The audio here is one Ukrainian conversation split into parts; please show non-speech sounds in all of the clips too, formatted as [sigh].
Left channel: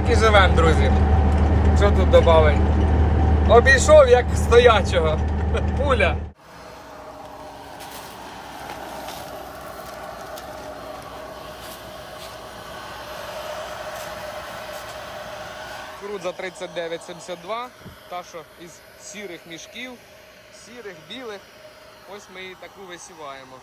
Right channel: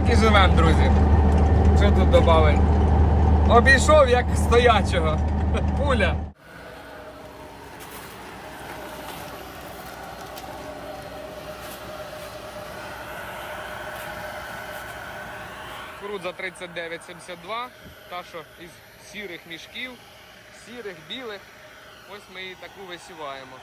так і живемо, друзі. Що тут додати? Обійшов як стоячого. [laughs] Пуля. Кукурудза 39,72, та що із сірих мішків, сірих, білих. Ось ми її таку висіваємо.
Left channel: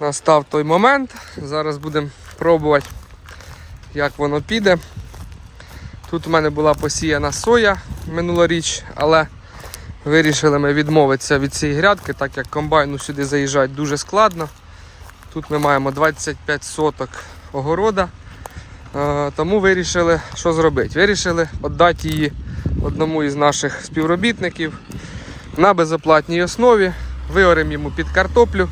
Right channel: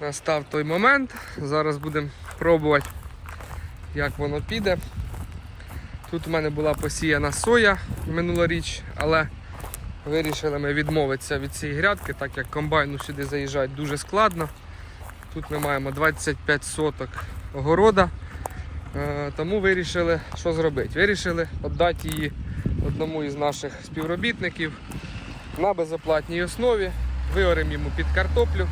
Настав той момент. Зараз будемо пробувати, як воно піде. Тут у мене була посіяна соя минулоріч, але вирішили ми відмовитися від цієї грядки, так як комбайну сюди заїжджати дуже складно. Тут ми маємо 25 соток огорода. Е, Тому вирішили, що зробити. Вирішили віддати її одному із наших співробітників на безоплатній основі. Виоримо йому під картоплю.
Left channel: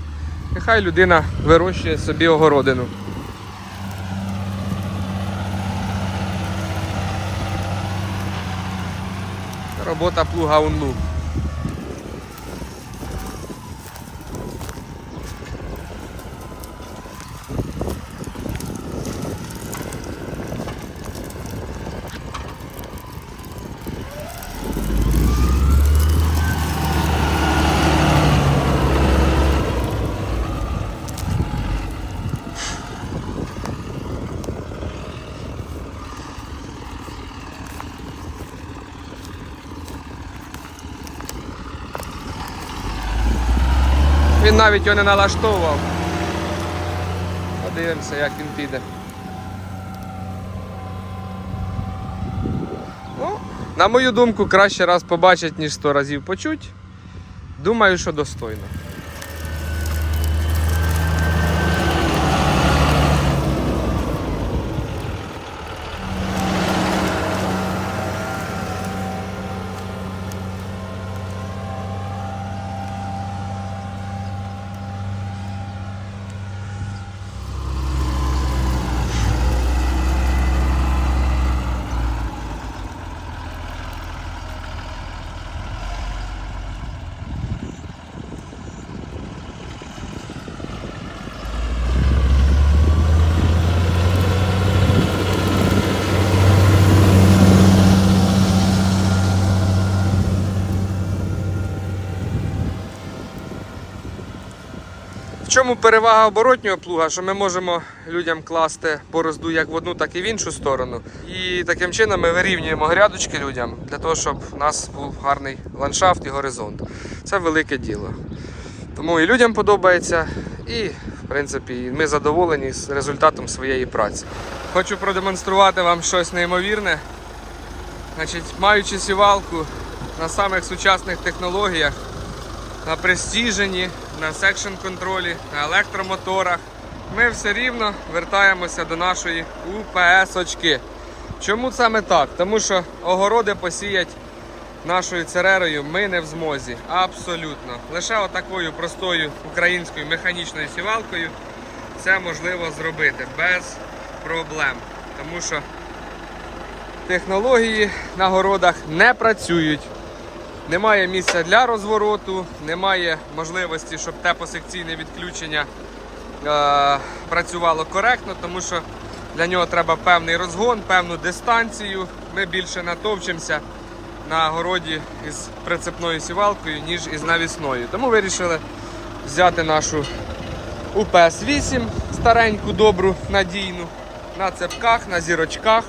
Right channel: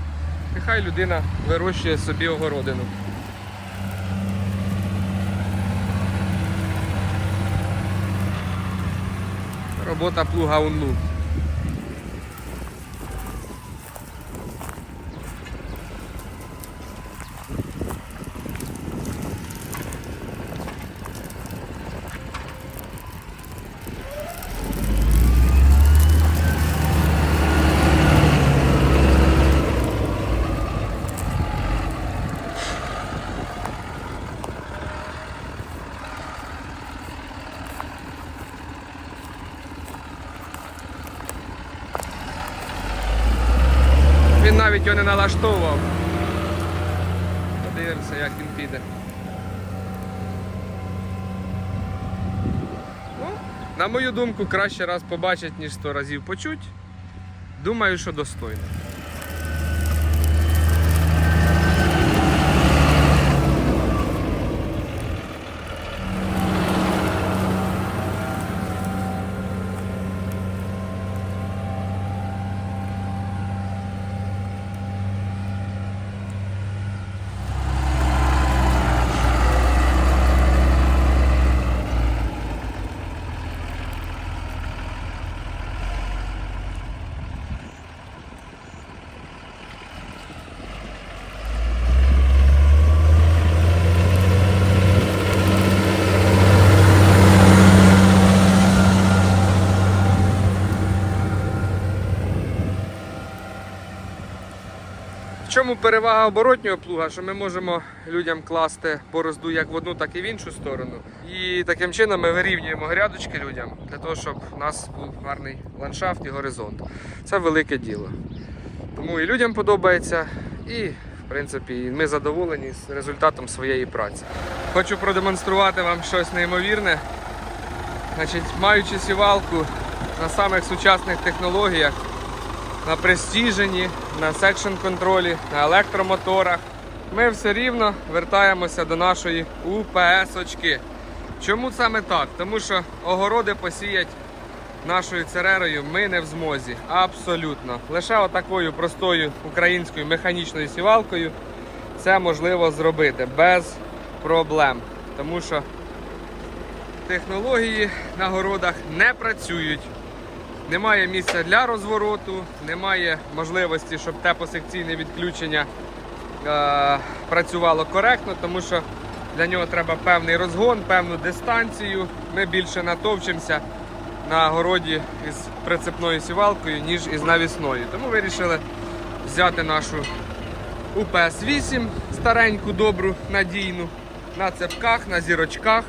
Нехай людина вирощує собі огородину. Робота плуга унлу. Навіть його не налаштовував. Подивимося, як він піде. Ну, на мою думку, краще раз побачить, ніж сто разів почуть. Думаю, що достойно. Чому перевага оборотнього плуга, що ми можемо людям класти борозду як в одну, так і в іншу сторону. І таким чином ми вирівнюємо грядочки людям для того, щоб в нас був гарний ландшафт і горизонт. Це велике діло. Тому і людям подобається, і в принципі ми задоволені з результатом своєї праці. Хочу продемонструвати вам щось неймовірне. Значить, маючи сівалку на самих сучасних технологіях, на престіжені, на секшн контролі, на електромоторах. Ми все рівно вертаємося до нашої УПС-очки. Чому саме так? Тому що огороди посіять нашою церерою ми не в змозі. Абсолютно. Лише отакою простою українською механічною сівалкою це можливо зробити без проблем. Тому що технології на городах не працюють. Немає місця для розвороту, немає можливості, щоб тепосекційне відключення е, працювало коректно, тому що для нього треба певний розгон, певну дистанцію. Ми більше натовчимося на городі із прицепною сівалкою, ніж із навісною. Тому вирішили взяти нашу УПС-8, стареньку, добру, надійну, на цепках, на зірочках,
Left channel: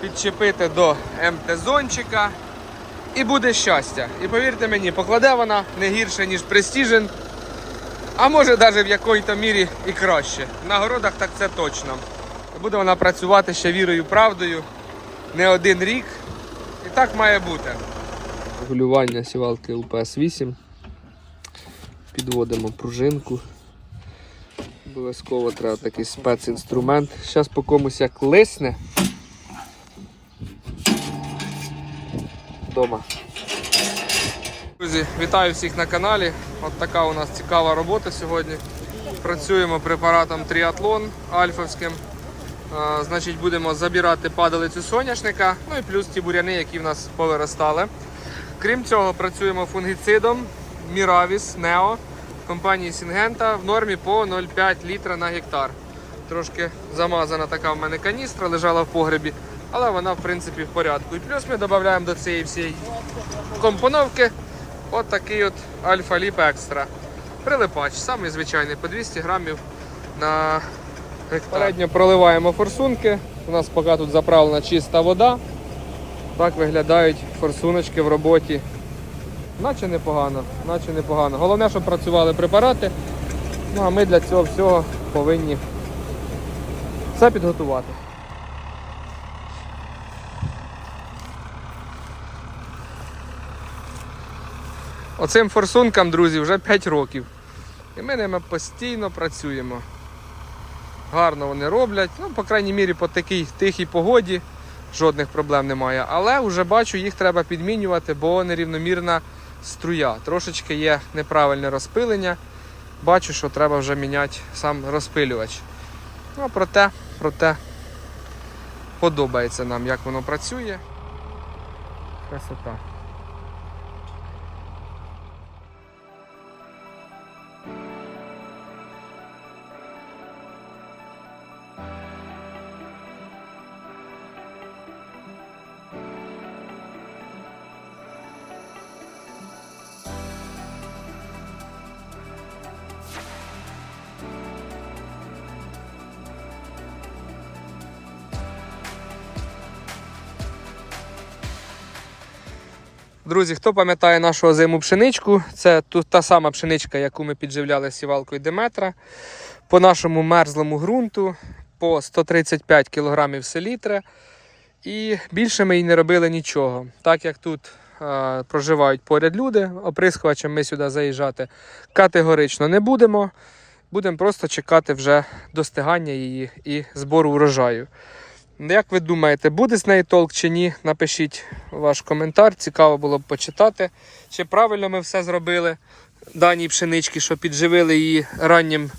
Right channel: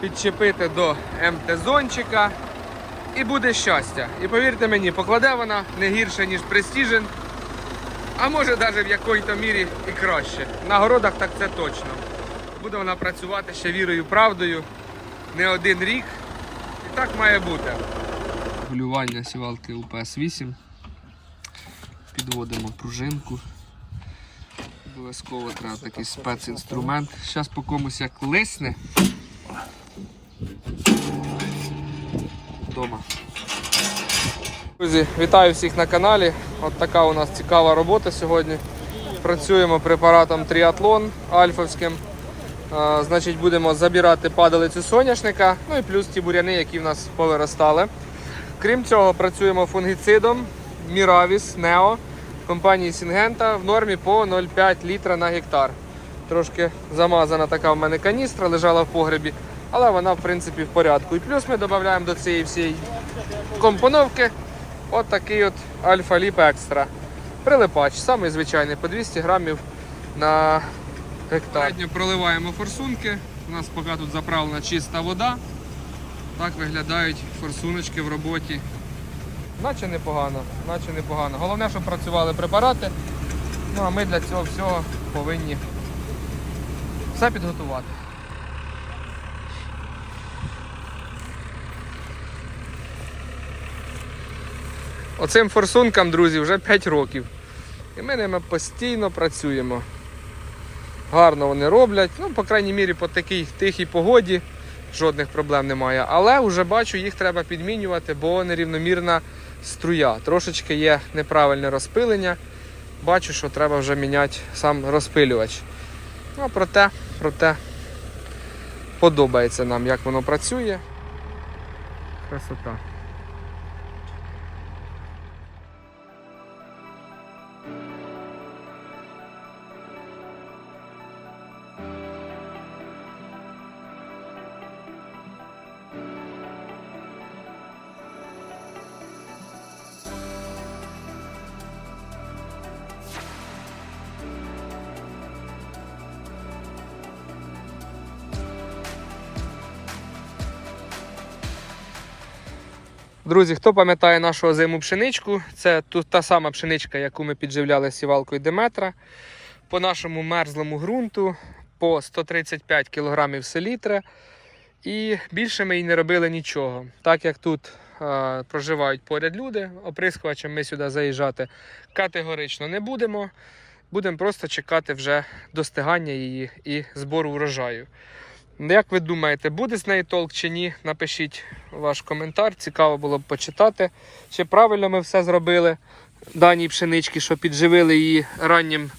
підчепити до МТ-зончика. І буде щастя. І повірте мені, покладе вона не гірше, ніж Precision, а може навіть в якої-то мірі і краще. На городах так це точно. Буде вона працювати ще вірою, правдою не один рік. І так має бути. Регулювання сівалки УПС-8. Підводимо пружинку. Обов'язково треба такий спецінструмент. Зараз по комусь як лисне. Вдома. Друзі, вітаю всіх на каналі. От така у нас цікава робота сьогодні. Працюємо препаратом Тріатлон альфовським. Значить, будемо забирати падалицю соняшника, ну і плюс ті буряни, які в нас повиростали. Крім цього, працюємо фунгіцидом Miravis Neo компанії Сінгента в нормі по 0,5 літра на гектар. Трошки замазана така в мене каністра, лежала в погребі, але вона в принципі в порядку. І плюс ми додаємо до цієї всієї компоновки от такий от Альфа Ліп Екстра. Прилипач, самий звичайний, по 200 грамів на гектар. Передньо проливаємо форсунки. У нас поки тут заправлена чиста вода. Так виглядають форсуночки в роботі. Наче непогано, наче непогано. Головне, щоб працювали препарати. Ну а ми для цього всього повинні все підготувати. Оцим форсункам, друзі, вже 5 років. І ми ними постійно працюємо. Гарно вони роблять. Ну, по крайній мірі, по такій тихій погоді жодних проблем немає. Але вже бачу, їх треба підмінювати, бо нерівномірна струя. Трошечки є неправильне розпилення. Бачу, що треба вже міняти сам розпилювач. Ну, проте, проте подобається нам, як воно працює. Красота. Друзі, хто пам'ятає нашу озиму пшеничку, це тут та сама пшеничка, яку ми підживляли сівалкою Деметра. По нашому мерзлому ґрунту по 135 кг селітри. І більше ми і не робили нічого. Так як тут е, проживають поряд люди, оприскувачем ми сюди заїжджати категорично не будемо. Будемо просто чекати вже достигання її і збору урожаю. Як ви думаєте, буде з неї толк чи ні? Напишіть ваш коментар. Цікаво було б почитати, чи правильно ми все зробили даній пшенички, що підживили її раннім,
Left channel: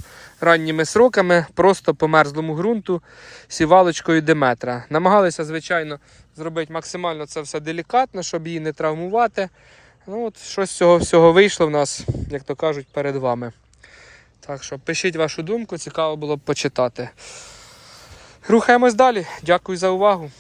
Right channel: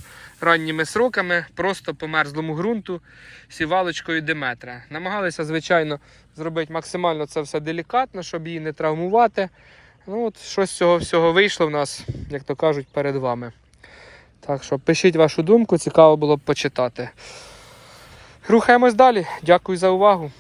ранніми сроками, просто по мерзлому ґрунту, сівалочкою Деметра. Намагалися, звичайно, зробити максимально це все делікатно, щоб її не травмувати. Ну, от Щось з цього всього вийшло в нас, як то кажуть, перед вами. Так що пишіть вашу думку, цікаво було б почитати. Рухаємось далі. Дякую за увагу.